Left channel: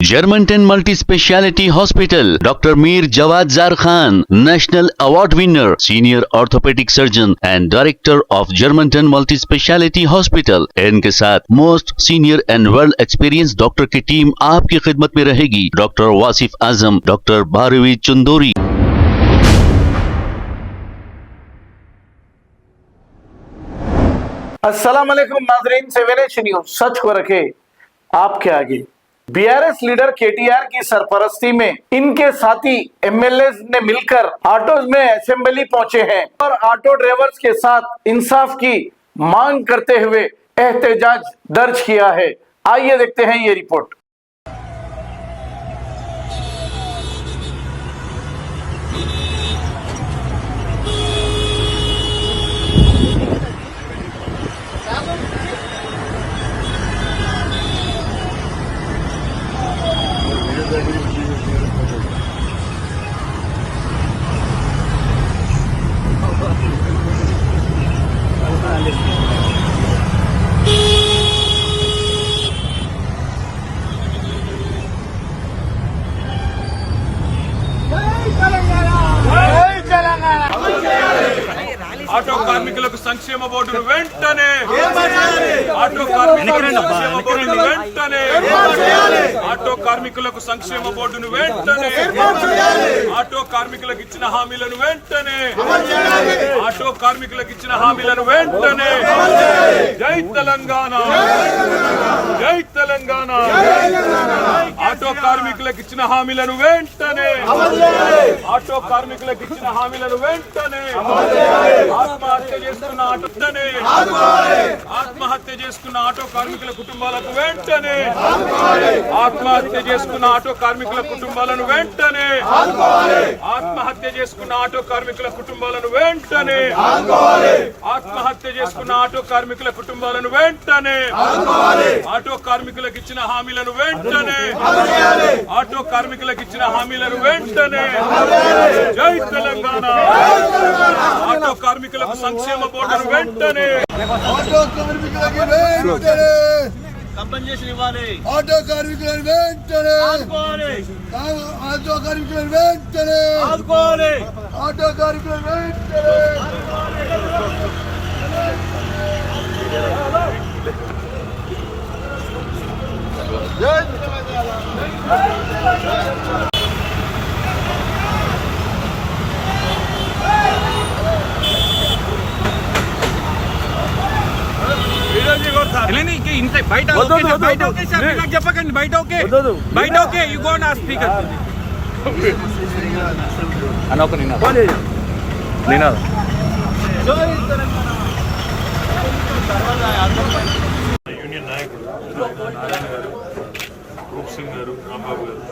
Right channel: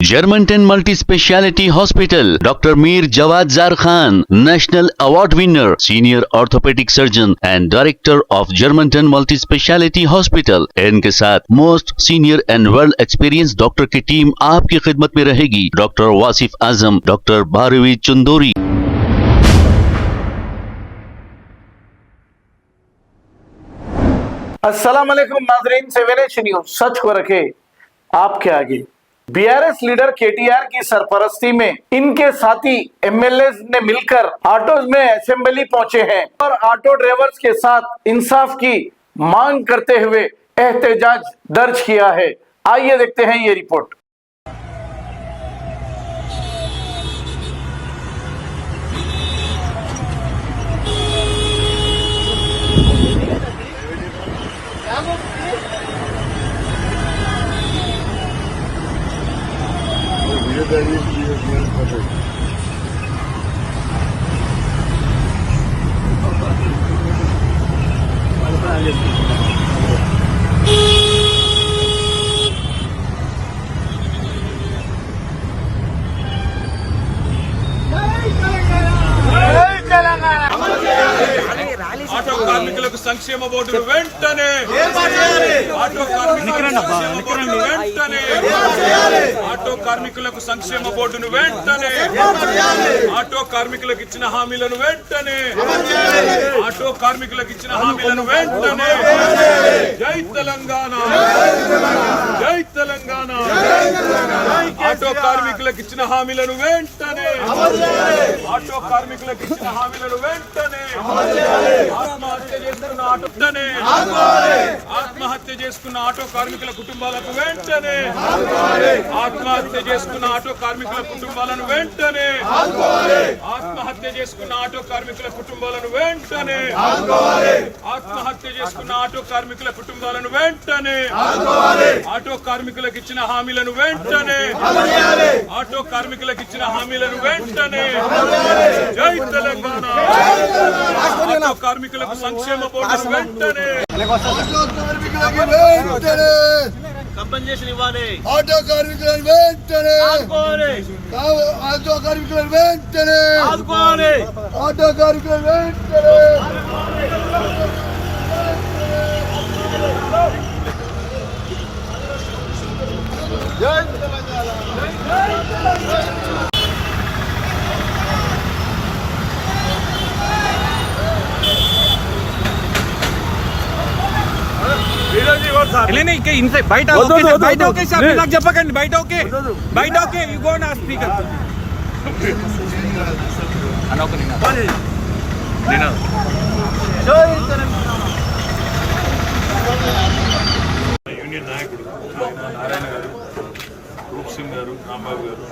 Germantown Multi Speciality Hospital, Dr. Mir Jawad Zar Khan, National Award winner, Senior Orthopedic Surgeon and Director of Germantown Multi Speciality Hospital। इनके साथ most senior and world experience doctor की team आपकी खिदमत में रहेगी। Doctor Wasif Azam, doctor Bharavi Chandori. अस्सलाम वालेकुम नाज़रीन, 7H न्यूज़ सच को रखे आपके आगे। बीआरएस लीडर केटीआर की सरपरस्ती में इनके साथी एमएलए ने मिलकर ऑटोज में असेंबली पहुंचे हैं और ऑटो ड्राइवर्स के साथ इंसाफ की मांग करते हुए एहतजाज दर्ज किया है। आइए देखते हैं ये रिपोर्ट। ఆటో కార్మికులకు సంక్షేమ బోర్డును వెంటనే ఆటో కార్మికులకు వెంటనే ఆటో కార్మికులకు సంక్షేమ బోర్డును వెంటనే ఆటో కార్మికులకు ఇచ్చిన హామీలను వెంటనే ఆటో కార్మికులకు ఇచ్చిన హామీలను వెంటనే జై తెలంగాణ, జై తెలంగాణ। ఆటో కార్మికులకు ఇచ్చిన హామీలను వెంటనే ఆటో కార్మికులకు ఇచ్చిన హామీలను వెంటనే ఆత్మహత్య చేసుకున్న ఆత్మహత్య చేసుకున్న ఆటో కార్మికుల కుటుంబాలకు వెంటనే ఆత్మహత్య చేసుకున్న ఆటో కార్మికుల కుటుంబాలను వెంటనే ఆత్మహత్య చేసుకున్న ఆటో కార్మికుల కుటుంబాలను వెంటనే ఆత్మహత్య చేసుకున్న ఆటో కార్మికుల కుటుంబాలను వెంటనే ఆటో కార్మికులకు ఇచ్చిన హామీలను వెంటనే ఆటో కార్మికులకు ఇచ్చిన హామీలను వెంటనే జై తెలంగాణ। ఆటో కార్మికులకు సంక్షేమ బోర్డును వెంటనే ఆటో కార్మికులకి వెంటనే కంపెన్సేషన్ ఇవ్వాలి, ఆటో కార్మికులను వెంటనే ఆదుకోవాలి, ఆటో కార్మికులను వెంటనే ఆదుకోవాలి, ఆటో కార్మికులను వెంటనే జై తెలంగాణ। బయట ఓకే సార్, నాకు చెప్పకండి, బయట ఓకే, బయట ఓకే, యు గో నా స్పీకర్ యూనియన్ నాయకుడు నారాయణ గారు, రూప్ సింగ్ గారు, రాంబాబు గారు,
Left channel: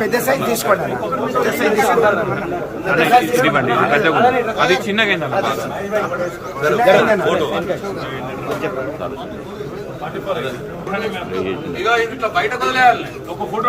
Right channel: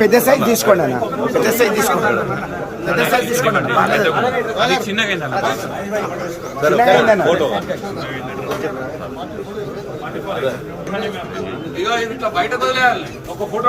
పెద్ద సైజ్ తీసుకోండి, పెద్ద సైజ్ తీసుకోండి, అది చిన్నగా అయిందన్న బాగా బయట ఒక photo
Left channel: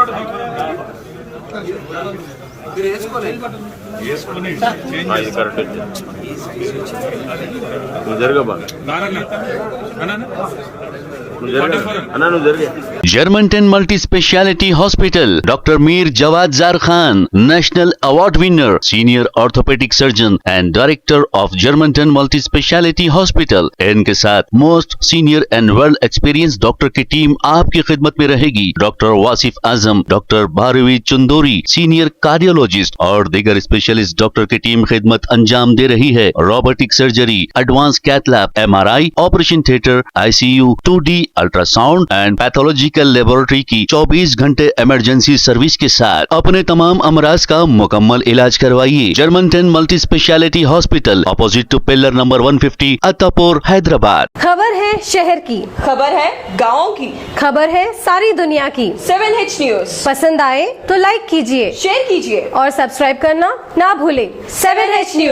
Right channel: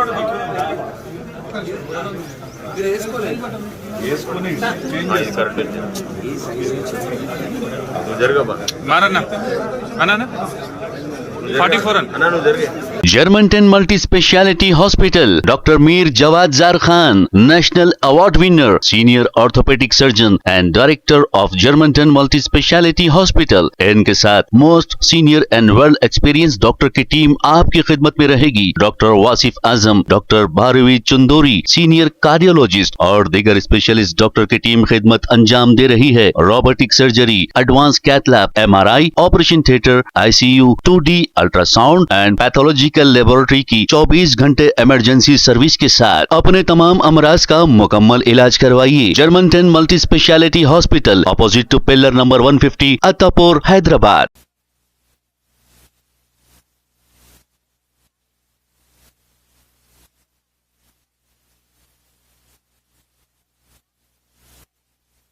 Germantown Multi Speciality Hospital, Dr. Mir Jawad Zar Khan, National Award winner, Senior Orthopedic Surgeon and Director of Germantown Multi Speciality Hospital। इनके साथ most senior and world experience doctor की टीम आपकी खिदमत में रहेगी। Doctor Wasif Azam, doctor Bharavi Chandori, senior cardiologist और दीगर specialist doctor की टीम खिदमत अंजाम दे रही है। Robotic surgery, advance cath lab, MRI, operation theatre, ICU, 2D ultrasound and pathological laboratory की 24 घंटे इमरजेंसी सर्विस के साथ अपने तमाम अमराज का मुकम्मल इलाज करवाइए। Germanten multi speciality hospital, opposite to pillar number 150, Attapur, Hyderabad. खबर है शहर की, खबर है गाँव की, खबर है सारी दुनिया की। 7H न्यूज़ पसंद आए तो लाइक कीजिए, शेयर कीजिए और सब्सक्राइब करना ना भूले। 7H news.